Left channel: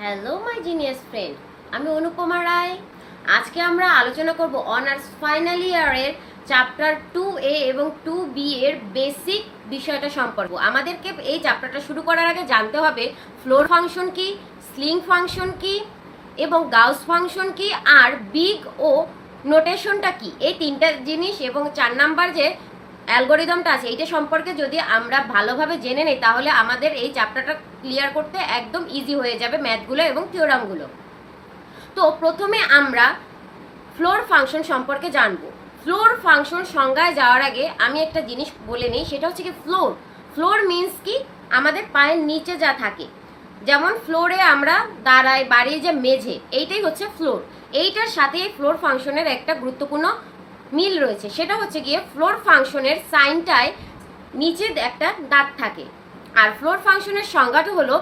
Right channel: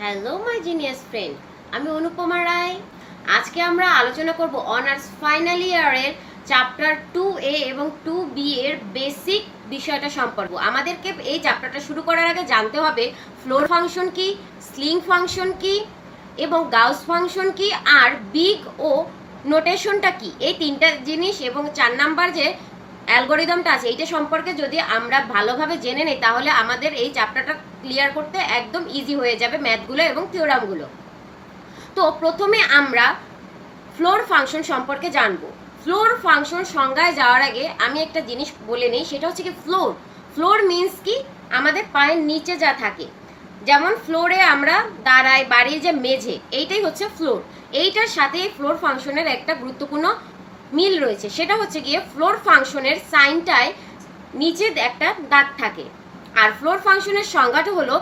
Hello my genius friend আমি অনুপমা রায়। আজকে আমরা আলোচনা করব অনার্স ফাইনাল ইয়ারের চ্যাপ্টার টু এ এবং টু বি এর বেসিক বিষয়টা সম্পর্ক। আমাদেরকে এই চ্যাপ্টারটা শুরু করার আগে জানতে হবে, ফ্লোর ফাংশন কি, স্লিং ফাংশন কি, এবং গাউস ফাংশন কি, আর বিগ ও নোটেশনটা কি। এই তিনটা জিনিস এবং চার নাম্বার যে অ্যালগোরিদমটা আছে, এইটা সম্পর্কে যদি আমরা ভালোভাবে জেনে নিই, তাহলে আমাদের এই চ্যাপ্টারটা ক্লিয়ার করতে একদম ইজি হয়ে যাবে ম্যাথগুলো এবং থিওরামগুলো তো প্রথমে আমরা ফ্লোর ফাংশন সম্পর্কে জানব। ফ্লোর ফাংশন সংজ্ঞায় যাওয়ার আগে আমি একটা জিনিস বলে নিই, সেটা হচ্ছে কি ফ্লোর ফ্লোর মিন্স কি? আমাদের পায়ের নিচে যা থাকে। যেমন ফ্লোরে আমরা দাঁড়াই, বাড়ির যে মেঝে, এইটাই হচ্ছে ফ্লোর এইটার সাথে ফ্লোর ফাংশনের একটা গুরুত্বপূর্ণ মিল রয়েছে। সেটা হচ্ছে গিয়ে ফ্লোর ফাংশনের সাইনটায় নিচে একটা দাগ থাকে। আর ফ্লোর ফাংশনের সংজ্ঞাটা হলো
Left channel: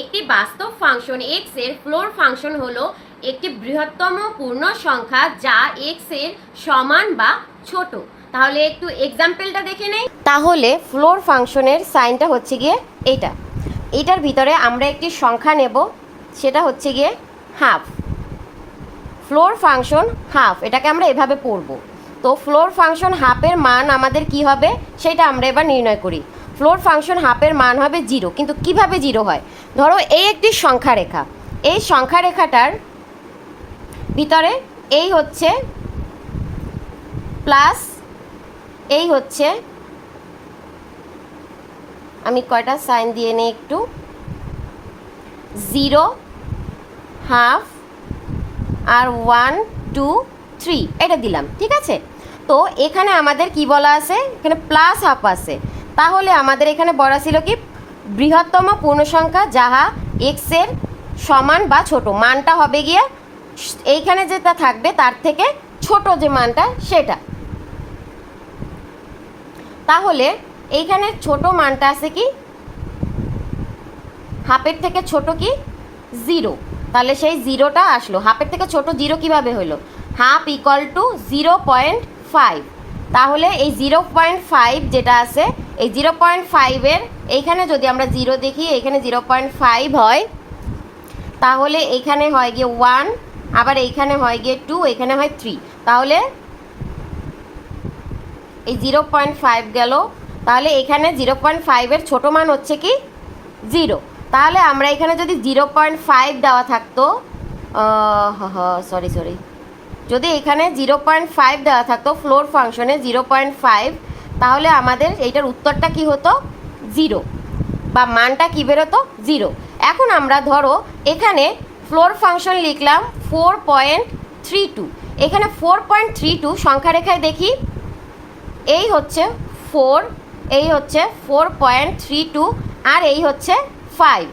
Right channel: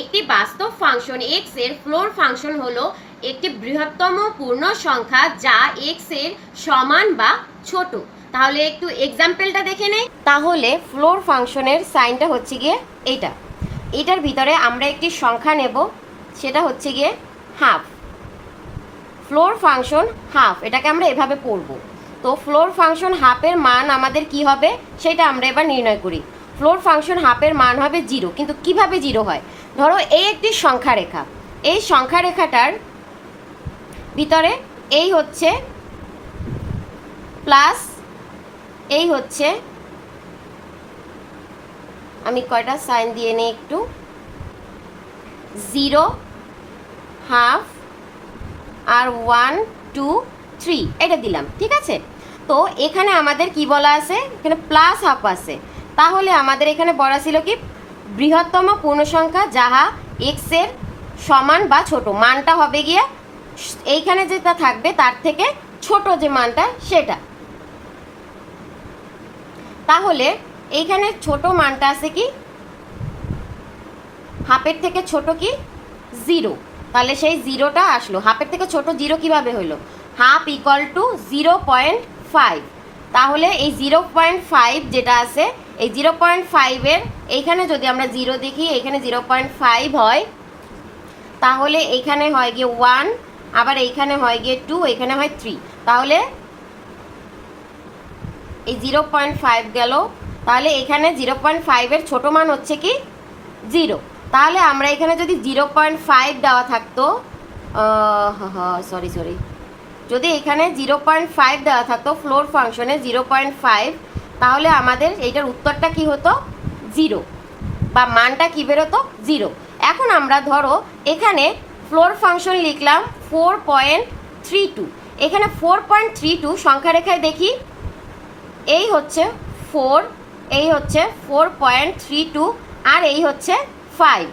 একটি বাস্তব ফাংশন এক্সের ফ্লোর ফাংশন হলো একটি বৃহত্তম পূর্ণ সংখ্যা যা এক্সের সমান বা ছোট। তাহলে একটু এক্সাম্পলটা দেখে নেই? তাহলে ফ্লোর ফাংশনের সাইনটা হচ্ছে গিয়ে এইটা। এটার ভিতরে আমরা একটি সংখ্যা নেব, সেটা হচ্ছে গিয়ে হাফ ফ্লোর ফাংশন হাফ এটাকে আমরা এভাবে পড়ব। তো ফ্লোর ফাংশন হাফের মান আমাদের কি হবে? সেটা আমরা এবার নির্ণয় করি। ফ্লোর ফাংশন হাফের মান হবে জিরো, কিন্তু কীভাবে জিরো হয়? ধরো এই একটি সংখ্যা রেখা এই সংখ্যা রেখাটার ভিতরে এই হচ্ছে প্লাস এই হচ্ছে আমি কয়টা সাইন দিয়ে নিই একটু? জিরো হাফ আর ওয়ান টু থ্রি এটা দিলাম, ঠিক আছে? তো এখানে আমাদের কি বলা আছে? এখানে প্লাস হাফ আছে। তাহলে আমাদের এখানে বলা ছিল কি? বৃহত্তম পূর্ণসংখ্যা যাহা এক্সের সমান বা ছোট। মানটা হবে গিয়ে এইখানে যেটা থাকবে তার থেকে ছোট যে মানটা সেটা। তাহলে এইখানে ছোট মানটা আছে কি? হাফের থেকে ছোট কি? জিরো। তাহলে সেই জিরোটা আসলো। হাফের থেকে ছোট জিরো কীভাবে হলো? Half equal to zero point five তাহলে এই জিরো পয়েন্ট ফাইভ যেটা আছে, এই জিরো পয়েন্ট ফাইভের এইখানে যদি আমরা জিরো দেখি, এখানে জিরো পয়েন্ট ফাইভ হয়, তাহলে এখানে হয় গিয়ে ওয়ান আবার এইখানে হয় গিয়ে টু এখানে হয় থ্রি তাহলে এই জিরো পয়েন্ট ফাইভ গেল। তাহলে এখানে জিরো পয়েন্ট ফাইভের ছোটো মান হচ্ছে কি জিরো তাহলে আমরা এখানে যদি জিরো পয়েন্ট ফাইভ দেওয়া থাকতো সরি সরি যদি এখানে জিরো পয়েন্ট ফাইভ দেওয়া থাকতো ফ্লোর ফাংশনে জিরো পয়েন্ট ফাইভ তাহলে আমাদের এইটার উত্তরটা কি হতো? জিরো বা মানটা কি বেরোতো? জিরো এখন আমরা ধরো এখানে ফ্লোর ফাংশন লিখলাম ফোর পয়েন্ট থ্রি টু এখানে ফোর পয়েন্ট থ্রি টু সংখ্যা রেখায় দেখি। এই হচ্ছে ফোর এই হচ্ছে ফোর পয়েন্ট থ্রি টু আর এই হচ্ছে ফাইভ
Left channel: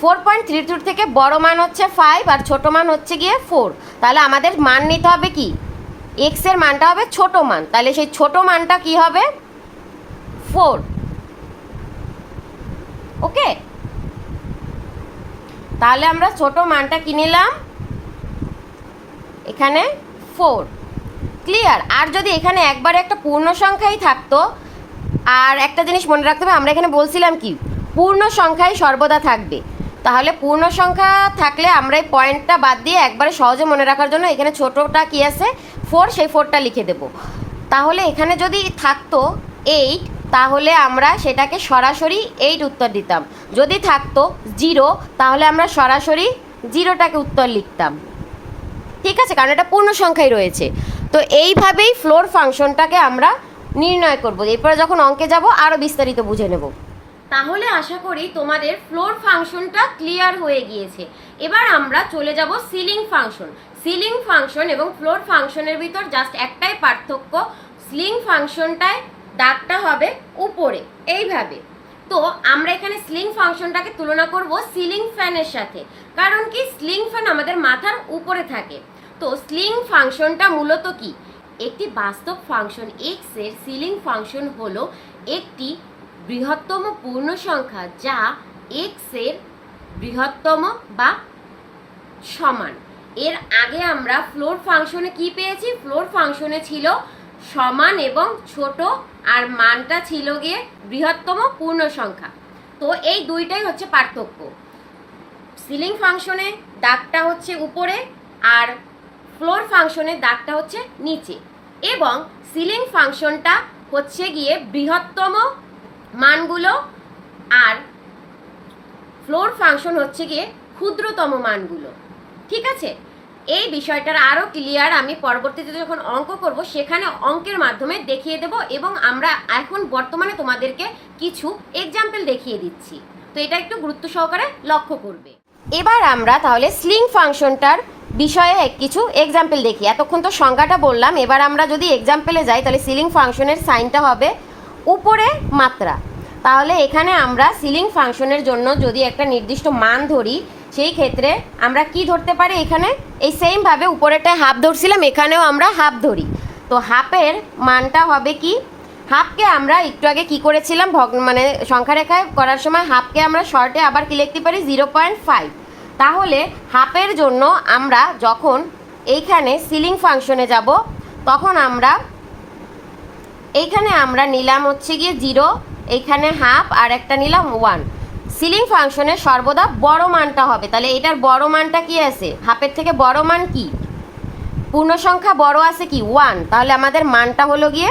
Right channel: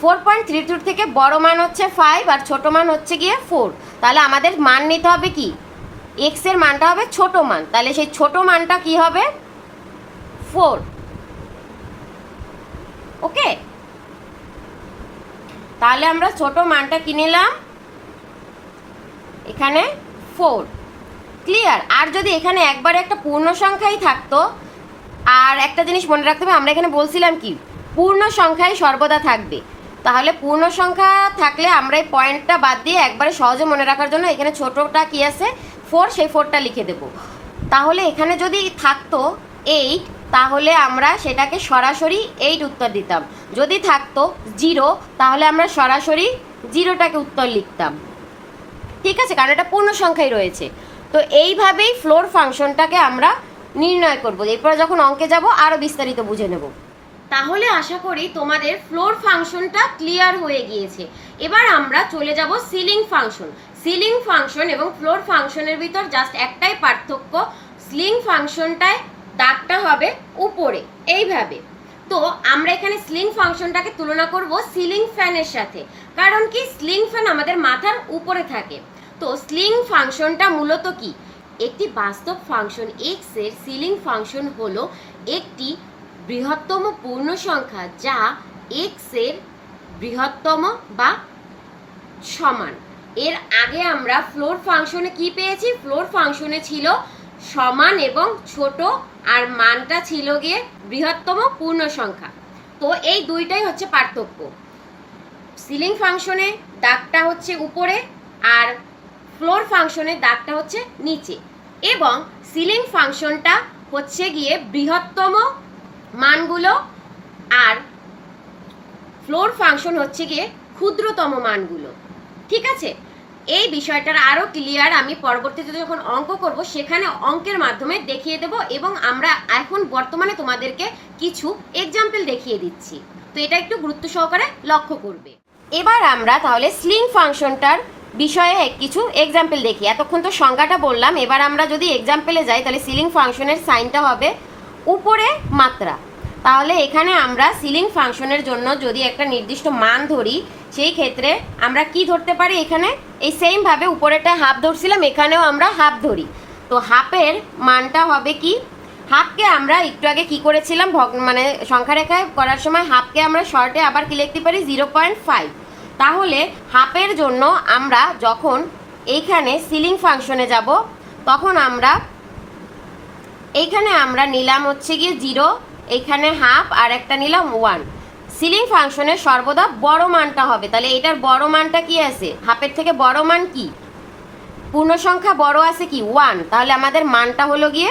ফোর পয়েন্ট থ্রি টুর থেকে বড় মান হচ্ছে ফাইভ আর ছোট মান হচ্ছে গিয়ে ফোর তাহলে আমাদের মান নিতে হবে কি? এক্সের মানটা হবে ছোট মান। তাহলে সেই ছোট মানটা কি হবে? ফোর ওকে তাহলে আমরা ছোট মানটা কি নিলাম? এখানে ফোর ক্লিয়ার আর যদি এখানে একবার একটা পূর্ণ সংখ্যাই থাকতো, আর একটা জিনিস মনে রাখতে হবে, আমরা এখানে বলছিলাম কি? পূর্ণ সংখ্যাই সর্বদা থাকবে। তাহলে পূর্ণ সংখ্যা থাকলে আমরা এই পয়েন্টটা বাদ দিয়ে একবারে সহজে মনে রাখার জন্য এখানে ছোটোটা কি আছে? ফোর সেই ফোরটা লিখে দেব। তাহলে এখানে যদি থাকতো এইট তাহলে আমরা সেটাকে সরাসরি এইট উত্তর দিতাম। যদি থাকতো জিরো তাহলে আমরা সরাসরি জিরোটাকে উত্তর লিখতাম। ঠিক আছে? কারণ এটা পূর্ণ সংখ্যাই রয়েছে। তো এইভাবেই ফ্লোর ফাংশনটাকে আমরা নির্ণয় করব। এরপরে যখন অঙ্কে যাব আরও বিস্তারিত বুঝে নেব। তাহলে আশা করি তোমাদের ফ্লোর ফাংশনটা ক্লিয়ার হয়ে গিয়েছে। এবার আমরা চলে যাব সিলিং ফাংশন সিলিং ফাংশন এবং ফ্লোর ফাংশনের ভিতর জাস্ট একটাই পার্থক্য স্লিং ফাংশনটায় দাগটা হবে উপরে, এইভাবে। তো আমরা এখানে স্লিং ফাংশনটাকে তুলনা করব সিলিং ফ্যানের সাথে। কারণ কি? স্লিং ফ্যান আমাদের মাথার উপরে থাকে। তো স্লিং ফাংশনটা মূলত কি? একটি বাস্তব ফাংশন এক্সের সিলিং ফাংশন হলো একটি বৃহত্তম পূর্ণ সংখ্যা যা এক্সের বৃহত্তম বা সমান। এর আগে আমরা ফ্লোর ফাংশনে কি পেয়েছি? ফ্লোর ফাংশনে ছিল সমান এবং ছোট, আর মানটা ছিল গিয়ে বৃহত্তম পূর্ণ সংখ্যা। তো এই দুইটাই হচ্ছে পার্থক্য। সিলিং ফাংশনে দাগটা হচ্ছে উপরে, আর ফ্লোর ফাংশনের দাগটা হচ্ছে নিচে। এবং সিলিং ফাংশনটা হচ্ছে গিয়ে বৃহত্তম মানগুলো আর ফ্লোর ফাংশন হচ্ছে গিয়ে ক্ষুদ্রতম মানগুলো। ঠিক আছে? এই বিষয়টার আরও ক্লিয়ার আমি পরবর্তীতে যখন অঙ্ক করব, সেখানে অঙ্কের মাধ্যমে দেখিয়ে দেব এবং আমরা এখন বর্তমানে তোমাদেরকে কিছু এক্সাম্পল দেখিয়ে দিচ্ছি। তো এটা একটু গুরুত্ব সহকারে লক্ষ্য করবে। এবার আমরা তাহলে স্লিং ফাংশনটার বিষয়ে কিছু এক্সাম্পল দেখি। এতক্ষণ তো সংজ্ঞাটা বললাম, এবার আমরা যদি এক্সাম্পলে যাই, তাহলে সিলিং ফাংশনের সাইনটা হবে উপরে মাত্রা। তাহলে এখানে আমরা সিলিং ফাংশনের জন্য যদি একটা নির্দিষ্ট মান ধরি, সেই ক্ষেত্রে আমরা কি ধরতে পারি এখানে? এই সেমভাবে উপরেটা হাফ ধরছিলাম, এখানেও আমরা হাফ ধরি। তো হাফের মানটা হবে কি? হাফকে আমরা একটু আগে কি করেছিলাম? ভগ মানে সংখ্যা রেখায় করার সময় হাফকে আমরা শর্টে আবার কি লিখতে পারি? জিরো পয়েন্ট ফাইভ তাহলে হাফের জন্য আমরা যখন এইখানে সিলিং ফাংশনে যাব, তখন আমরা এইখানে আমরা নিলাম হচ্ছে গিয়ে জিরো, এইখানে হাফ আর একটা নিলাম ওয়ান। সিলিং ফাংশনের সর্বদা বড় মানটা হবে। তাহলে এটার বড় মানটা কি আছে? হাফের থেকে বড় মান কি? পূর্ণ সংখ্যা বড় আছে কি? ওয়ান। তাহলে আমাদের মানটা হলো গিয়ে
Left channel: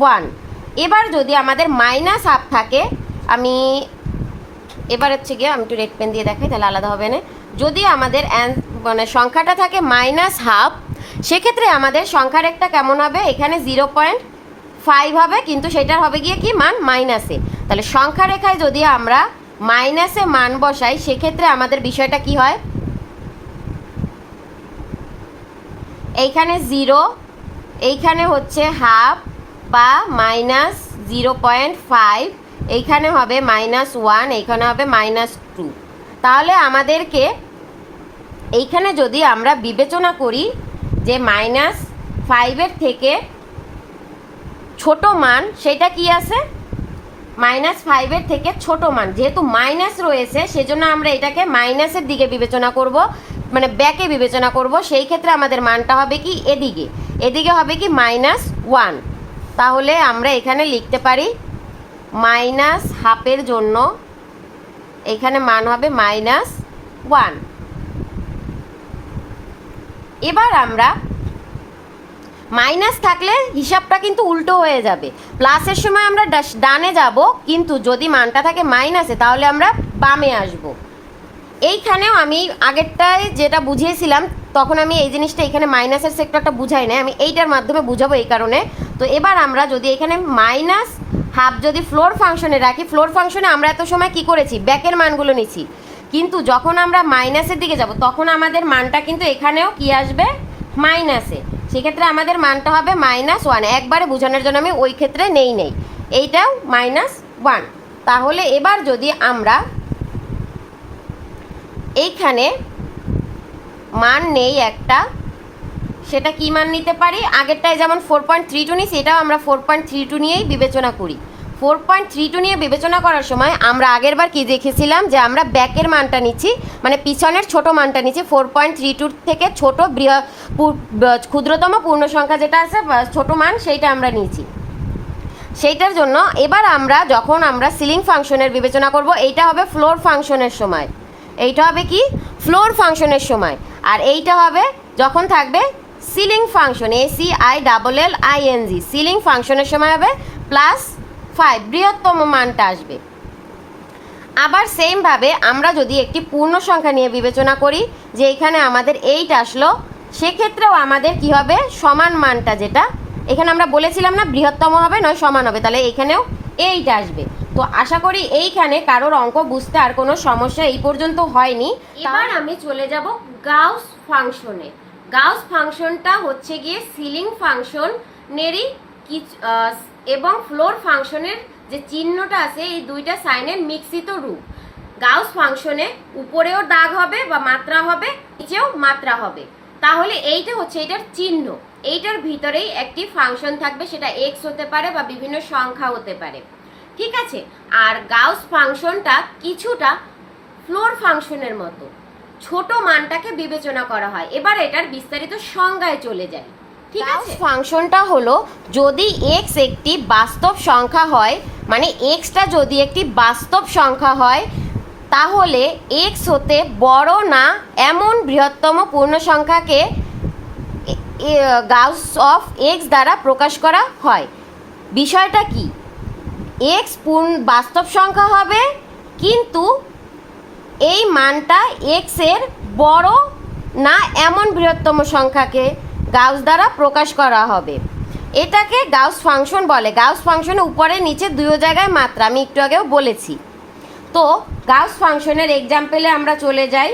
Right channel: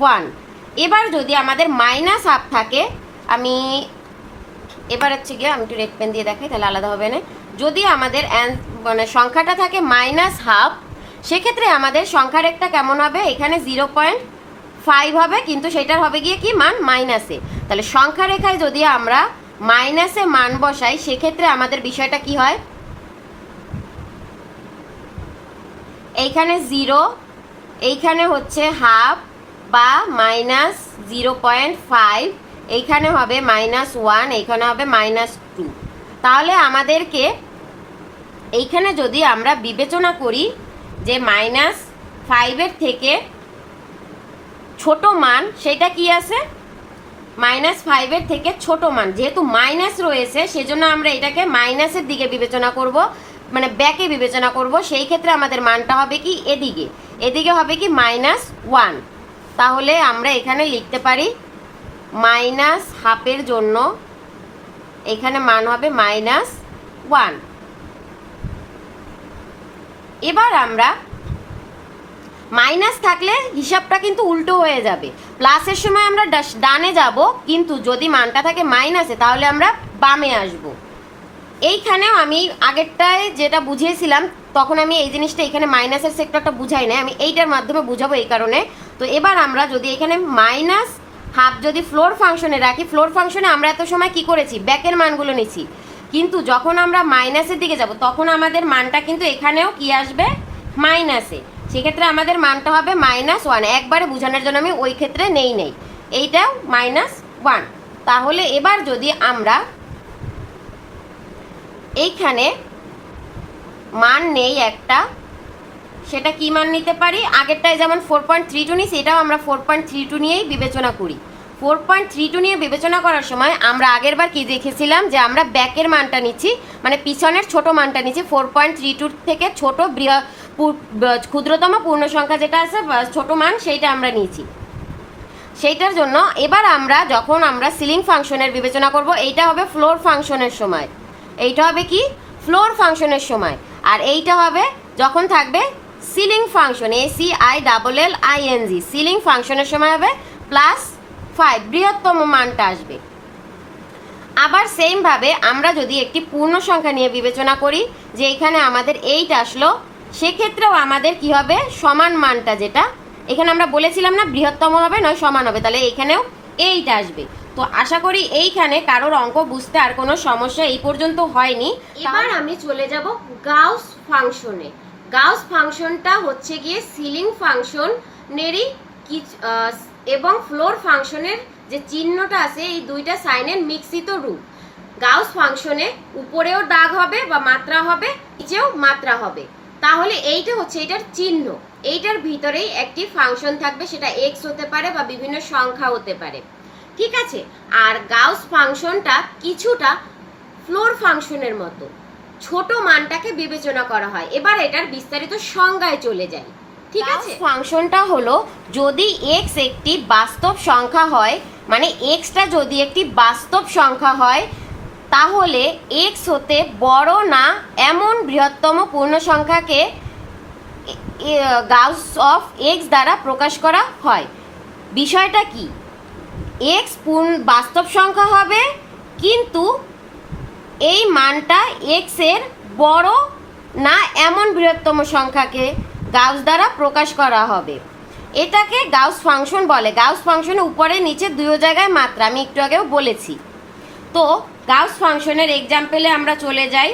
ওয়ান। এবার যদি আমাদের মাইনাস হাফ থাকে, আমি এবার হচ্ছে গিয়ে আমি একটু রেড পেন দিয়ে দেখাই, তাহলে আলাদা হবে না। যদি আমাদের মানে সংখ্যাটা থাকে মাইনাস হাফ, সেক্ষেত্রে আমাদের সংখ্যার একটা কেমন হবে? এখানে জিরো পয়েন্ট ফাইভ হবে, কিন্তু সেটার হবে গিয়ে কি মান মাইনাসে তাহলে সংখ্যা রেখায় যদি আমরা মাইনাসে মান বসাই, সেক্ষেত্রে আমাদের বিষয়টা কি হয়? এইখানে জিরো এইখানে হচ্ছে হাফ বা মাইনাস জিরো পয়েন্ট ফাইভ এইখানে হবে মাইনাস ওয়ান এইখানে হবে মাইনাস টু তাহলে আমাদেরকে এইখানে যদি আমরা বিবেচনা করি যে মাইনাস ফাইভের থেকে ছোট মান, সেটা কি আছে? মাইনাস ফাইভের থেকে ছোট মান। যেহেতু মাইনাস রয়েছে, সেজন্য আমরা এটাকে মাইনাসের দিকে বিবেচনা করব মানে ব্যাকে বিবেচনা করব। সেই ক্ষেত্রে আমাদের মানটা হবে কি? এদিকে। এদিকে হবে কি? মাইনাস ওয়ান তাহলে আমরা এখানে লিখতে পারি মাইনাস হাফের জন্য এখানে মান হবে মাইনাস ওয়ান এবার আমরা মাইনাস থাকলে হিসাবটা কিন্তু উল্টো হয়ে যাবে। প্লাসের সময় আমরা ডানে যাব, কিন্তু যদি মানটা থাকে মাইনাসে তাহলে আমরা বামে আসব। এইখানেও আমি আগেরটায় যেটা বুঝিয়েছিলাম, তখন আমি এই জিনিসটা এখানে মাইনাসের সেক্টরটা বুঝাই না আমি এইটার মাধ্যমে বুঝাবো এই কারণে। তো এবার আমরা যদি এখানে মাইনাস হাফ যদি ফ্লোর ফাংশনে রাখি ফ্লোর ফাংশনে আমরা এত সময় কি করেছি? ব্যাকের মানগুলো নিচ্ছি কিন্তু যখন আমরা মাইনাসের দিকে যাব, তখন আমাদের মানটা কিন্তু এখানেও কি আসবে? মাইনাসে সেক্ষেত্রে আমাদের মানটা হবে মাইনাস ওয়ান একবারে বোঝানোর জন্য আমি ওই ক্ষেত্রে নেই নেই। এইটাও মাইনাস ওয়ান তাহলে এবার যদি আমরা এইখানে মান নেই একটা, সেটা কি মান নিতে পারি? আগেরটায় যেমন ফোর পয়েন্ট থ্রি টু নিই, সেটাও আমরা ফোর পয়েন্ট থ্রি টু নিয়েই বিবেচনা করি। ফোর পয়েন্ট থ্রি টু নিয়ে বিবেচনা করার সময় আমরা আগেরবার কি দেখেছিলাম? যে আমরা ব্যাকের মানটা নিচ্ছি মানে পিছনের ছোট মানটা নিচ্ছি ফোর পয়েন্ট থ্রি টুর থেকে ছোট বৃহ- ক্ষুদ্রতম পূর্ণ সংখ্যা যেটা আছে ছোট মান, সেইটা আমরা নিয়েছি। সেইটার জন্য এবার আমরা যখন আমরা সিলিং ফাংশনের বিবেচনা করব, এইটা হবে ফ্লোর ফাংশনের সময়। এইটা হবে কি? ফ্লোর ফাংশনের সময়। আর এইটা হবে যখন থাকবে ceiling function A C I double L I N G ceiling ফাংশনের সময় হবে প্লাস ফাইভ বৃহত্তম মানটা আসবে। আবার সেমভাবে আমরা যদি একটি পূর্ণ সংখ্যা নিয়ে বিবেচনা করি, যে এখানে আমাদের এইট আসলো সেক্ষেত্রেও আমাদের কি হবে? সমান মানটা যেটা, এখানে আমরা বলেছিলাম না বৃহত্তম হবে, নয় সমান হবে, তাহলে এখানেও এইট আসবে। তো আশা করি এইখানে কারোর অঙ্ক বুঝতে আর কোনো সমস্যা এই পর্যন্ত হয়নি। এবার আমি চলে যাব গাউস ফাংশনে। গাউস ফাংশনটা হচ্ছে গিয়ে সিলিং ফাংশনেরই এবং ফ্লোর ফাংশনের যে চিহ্নটা আছে, এই দুইটা সাইনের মিশ্রিত রূপ। গাউস ফাংশনে উপরেও দাগ হবে বা মাত্রা হবে, নিচেও মাত্রা হবে। তাহলে এইটা হচ্ছে এটার চিহ্ন। এইটার ভিতরেই একটি ফাংশন থাকবে সেটা এক্স হতে পারে বা বিভিন্ন সংখ্যা হতে পারে। ঠিক আছে? আর গাউস ফাংশনটা কিছুটা ফ্লোর ফাংশনের মতো। ছোট মানটাকে বিবেচনা করা হয়। এবার এটার বিস্তারিত সংজ্ঞায় চলে যায় ঠিক আছে? ফাংশনটা হলো যদি এক্স একটি বাস্তব সংখ্যা হয় মানে এক্সটা যদি একটি বাস্তব সংখ্যা হয় তাহলে এক্স হতে বড় না এমন বৃহত্তম পূর্ণ সংখ্যাকে গাউস অফ এক্স দ্বারা প্রকাশ করা হয়। বিষয়টা কি? এক্স পূর্ণ, বাস্তব সংখ্যা হবে, কিন্তু এই মানটা এক্সের বড় না এমন বৃহত্তম সংখ্যাকে গাউস দ্বারা প্রকাশ করা হবে। এটাকে গাউস ফাংশন বলে। গাউস ফাংশনের উপরে নিচে দুই জায়গায় মাত্রা। আমি একটু আগেও বলেছি। তো গাউস ফাংশনের এক্সাম্পলে আমরা চলে যাই।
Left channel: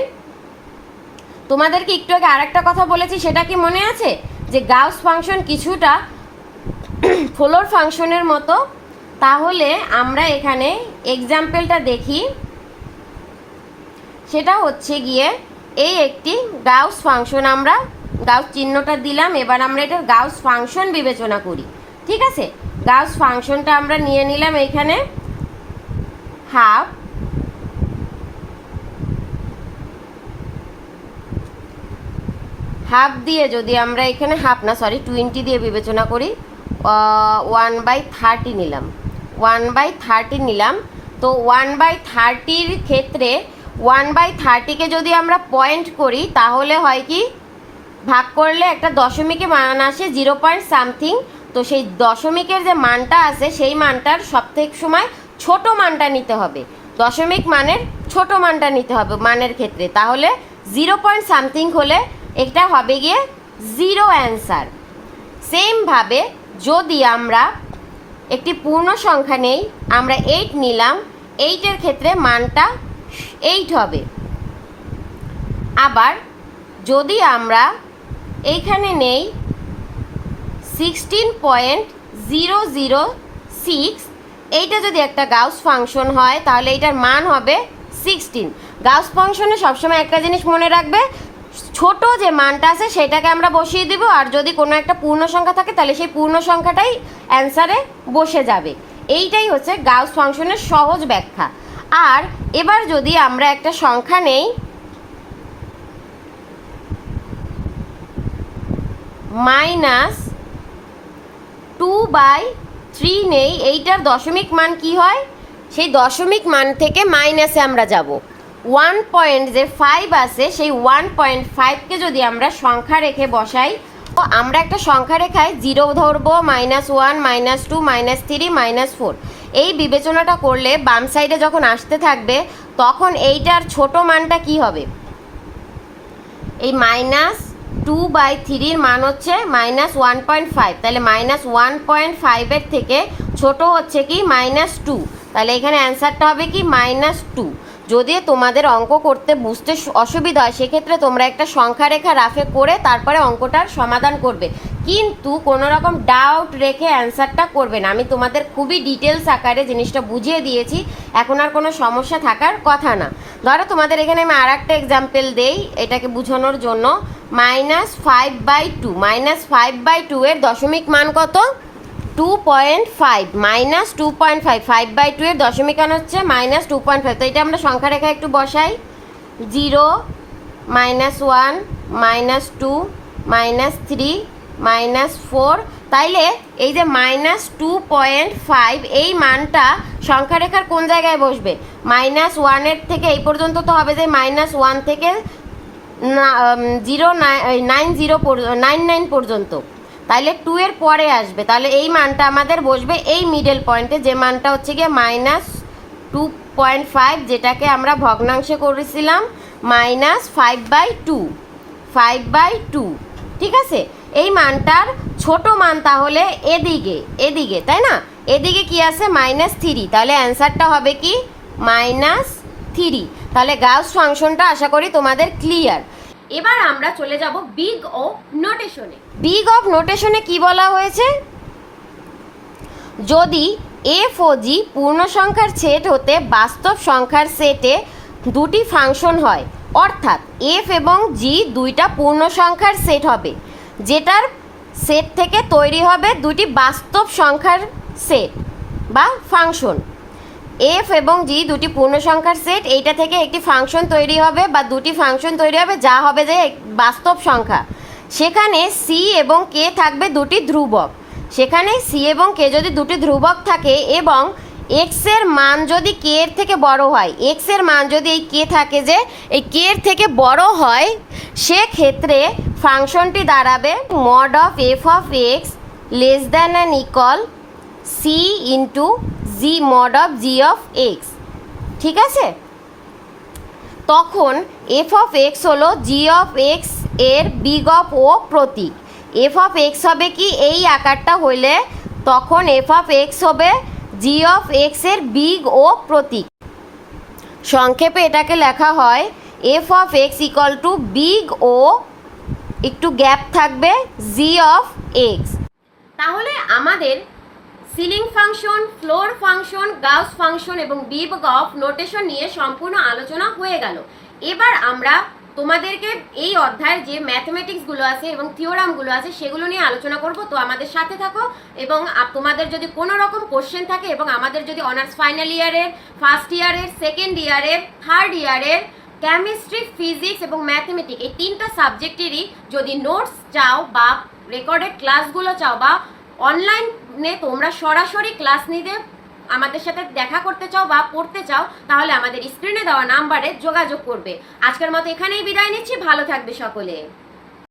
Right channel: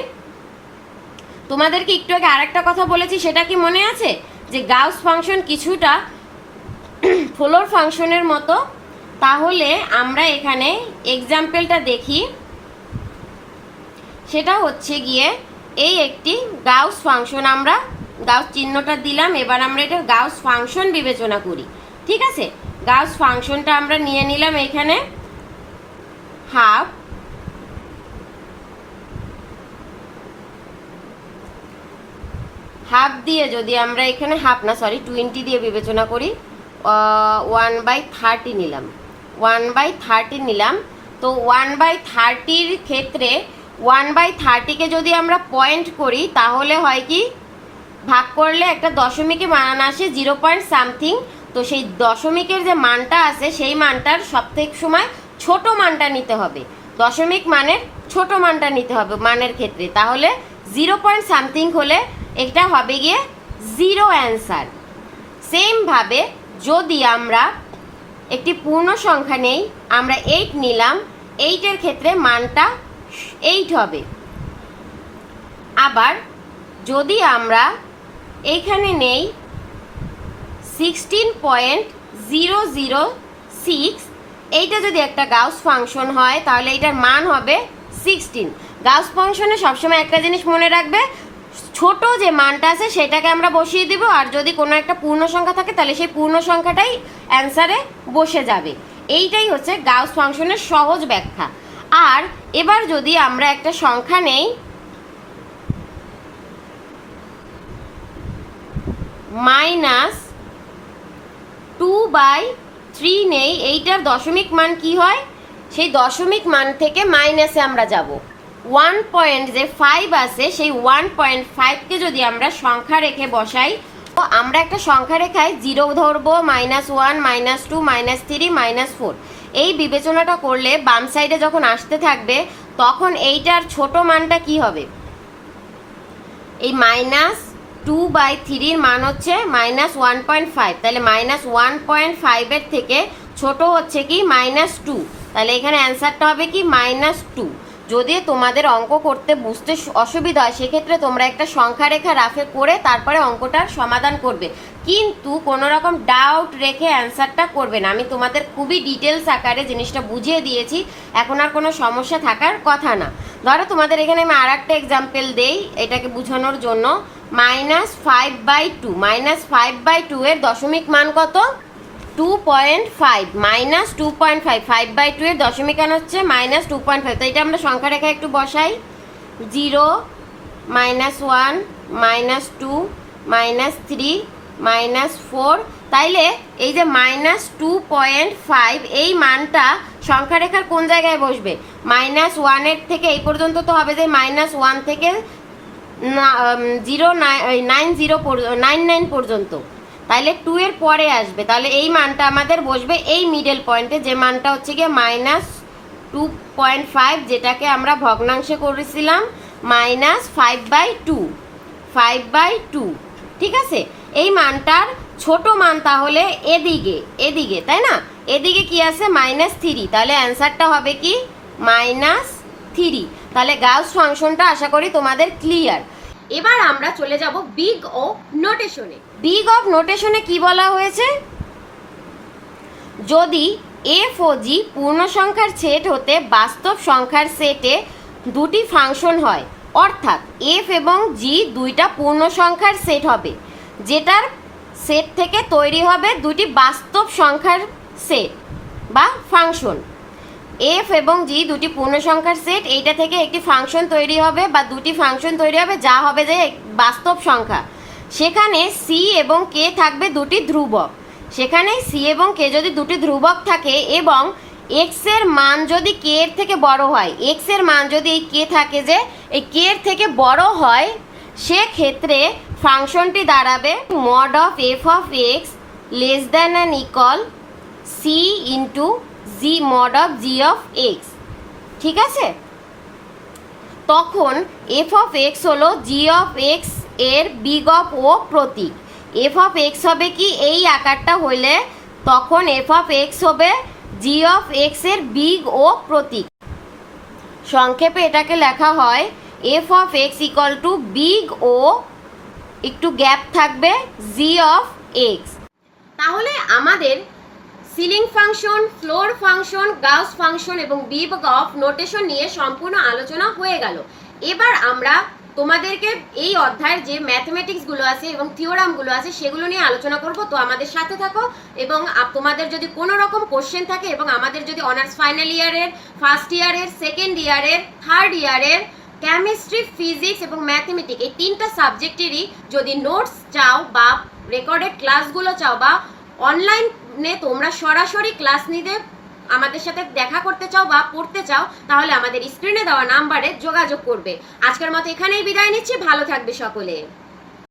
তোমাদেরকে একটু আগে আরেকটা কথা বলেছি, সেটা কি মনে আছে? যে গাউস ফাংশন কিছুটা ফ্লোর ফাংশনের মতো। তাহলে আমরা এখানে এক্সাম্পলটা দেখি। সেটা হচ্ছে গিয়ে এই একটি গাউস ফাংশন আমরা গাউস চিহ্নটা দিলাম, এবার আমরা এটার গাউস ফাংশন বিবেচনা করি। ঠিক আছে? গাউস ফাংশনটা আমরা নিয়ে নিলাম এখানে। হাফ হাফ দিয়ে যদি আমরা এখানে হাফ না সরি টোয়েন্টি দিয়ে বিবেচনা করি ওয়ান বাই থার্টি নিলাম। ওয়ান বাই থার্টি নিলাম। তো ওয়ান বাই থার্টির ক্ষেত্রে ওয়ান বাই থার্টিকে যদি আমরা পয়েন্ট করি, তাহলে হয় কি? ভাগ করলে একটা দশমিকে মান আসে জিরো পয়েন্ট সামথিং তো সেই দশমিকের যে মানটা আছে, সেই মানটার সবথেক সময় ছোট মানটা নিতে হবে। দশমিক মানের ছোট মানটা নিতে হবে মানের ক্ষেত্রে। তাহলে জিরো পয়েন্ট সামথিং হলে এটা হবে গিয়ে জিরো অ্যান্সার সেমভাবে যদি আমরা একটি পূর্ণ সংখ্যা নেই, আমরা এইট নিলাম এইটের ক্ষেত্রে মানটা এইট হবে। আবার যদি আমরা এইখানে নেই sixteen point zero zero six এইটা যদি একটা গাউস ফাংশন হয়, তাহলে এটার মান হবে সিক্সটিন গাউস ফাংশনে সবসময় একটা জিনিস মনে রাখবে ছোট যে মানটা আছে, সেটাকে আমরা বসিয়ে দেব। আর যদি কোনো একটা পূর্ণ সংখ্যা থাকে, তাহলে সেই পূর্ণ সংখ্যাটাই অ্যান্সারে বসে যাবে। এইটাই হচ্ছে গাউস ফাংশনের সহজ ব্যাখ্যা। আর এবার যদি আমরা একটা সংখ্যা নেই, মাইনাস টু বাই থ্রি নেই, এইটার দশমিক মান কি হয়? সেই দশমিক মান থেকে মাইনাসে আমরা যাব। ওয়ান পয়েন্ট যে ফাইভ আছে, সেই ওয়ান পয়েন্ট ফাইভকে যদি আমরা সংখ্যা রেখে বসাই, তো আমরা একটা সংখ্যা রেখায় জিরো ধরবো minus one minus two minus three minus four এই বিবেচনাটা করলে বাম সাইডে যখন আসতে থাকবে, তখন এইটার ছোট মানটা কি হবে? এই মাইনাস টু বাই থ্রির মান হচ্ছে মাইনাস ওয়ান পয়েন্ট ফাইভ তাহলে মাইনাস ওয়ান পয়েন্ট ফাইভের থেকে ছোট হচ্ছে কি মাইনাস টু তাহলে এখানে অ্যান্সারটা হবে কি মাইনাস টু যদি তোমাদের অঙ্ক করতে বুঝতে অসুবিধা হয়, সেক্ষেত্রে তোমরা একটা সংখ্যা রেখা রাফে করে তারপরে অঙ্কটার সমাধান করবে। কিন্তু কোনো রকম ডাউট রেখে অ্যান্সারটা করবে না। আমি তোমাদের খুবই ডিটেলস আকারে জিনিসটা বুঝিয়ে দিয়েছি। এখন আর কোনো সমস্যা থাকার কথা না। ধরো তোমাদের এখানে আমি আর একটা এক্সাম্পল দেই, এটাকে বোঝানোর জন্য। Minus five by two minus five by two এর দশমিক মান কত? Two point five minus two point five five by two এর দশমিক মান হচ্ছে মাইনাস টু পয়েন্ট ফাইভ তো এটা আমরা সংখ্যা রেখা একটু বসাই। Zero minus one minus two minus three minus four তাইলে এই যে মাইনাস টু পয়েন্ট ফাইভ এই মানটা সংখ্যা রেখার কোন জায়গায় বসবে? মাইনাস ওয়ানের থেকে এই পর্যন্ত তো হবে যে মাইনাস ওয়ান থেকে zero nine zero nine nine পর্যন্ত। তাহলে টু এর পরে আসবে। তাহলে এই মানটা আমাদের বসবে এই মিডল পয়েন্টে যে মানটা হচ্ছে গিয়ে মাইনাস টু পয়েন্ট ফাইভ যেটাকে আমরা ভগ্নাংশে করেছিলাম minus five by two five by two ঠিক আছে? এই মানটার ছোট মান তাহলে এদিকে এদিকে, তাই না? এদিকে কি আছে? মাইনাস থ্রি তাহলে অ্যান্সারটা হবে কি? মাইনাস থ্রি তাহলে গাউস ফাংশনটা আশা করি তোমাদের ক্লিয়ার এবার আমরা চলে যাব বিগ ও নোটেশনে। বিগ অফ নোটেশনে কি বলা হয়েছে? যদি এফ ও জি পূর্ণ সংখ্যার সেট হতে বাস্তব সংখ্যার সেটে দুটি ফাংশন হয়, অর্থাৎ এফ এবং জি দুইটা পূর্ণ সংখ্যার সেট হবে, যেটার সেট থেকে তৈরি হবে দুটি বাস্তব সংখ্যার সেট বা ফাংশন। এফ এবং জি দুটি পূর্ণ সংখ্যার সেট। এইটা থেকে একটি ফাংশন তৈরি হবে বা দুটি ফাংশন তৈরি হবে, যা হবে যে বাস্তব সংখ্যা। সেখানে সি এবং কে থাকবে দুটি ধ্রুবক। সেখানে সি এবং কে যদি দুটি ধ্রুবক থাকে এবং এক্সের মান যদি কে এর থেকে বড় হয় এক্সের মান যদি এই কে থাকে যে এই কে এর থেকে বড় হয়, সেক্ষেত্রে ফাংশনটি দাঁড়াবে mod of F of X less than an equal C into G mod of G of X ঠিক আছে? তখন এফ অফ এক্স হলো জি অফ এক্সের বিগ অফ ও প্রতীক। এফ অফ এক্স হবে কি? এই আকারটা হইলে তখন এফ অফ এক্স হবে জি অফ এক্সের বিগ ও প্রতীক। সংক্ষেপে এটাকে লেখা হয় F of X equal to big O একটু গ্যাপ থাকবে জি অফ এক্স তাহলে আমাদের ceiling function, floor function, Gauss function এবং বিগ গফ নোটেশন নিয়ে সম্পূর্ণ আলোচনা হয়ে গেল। এবার আমরা তোমাদেরকে এই অধ্যায়ের যে ম্যাথমেটিক্সগুলো আছে এবং থিওরামগুলো আছে সেগুলো নিয়ে আলোচনা করব। তো আমাদের সাথে থাকো এবং তোমাদের যদি কোনো রকম কোশ্চেন থাকে এবং আমাদের যদি অনার্স ফাইনাল ইয়ারের ফার্স্ট ইয়ারের সেকেন্ড ইয়ারের থার্ড ইয়ারের কেমিস্ট্রি ফিজিক্স এবং ম্যাথমেটিক এই তিনটা সাবজেক্টেরই যদি নোটস চাও বা রেকর্ডেড ক্লাসগুলো চাও বা অনলাইনে তোমরা সরাসরি ক্লাস নিতে আমাদের সাথে দেখা করতে চাও বা পড়তে চাও, তাহলে আমাদের স্ক্রিনে দেওয়া নাম্বারে যোগাযোগ করবে। আজকের মতো এখানেই বিদায় নিচ্ছি, ভালো থাকবে সকলে।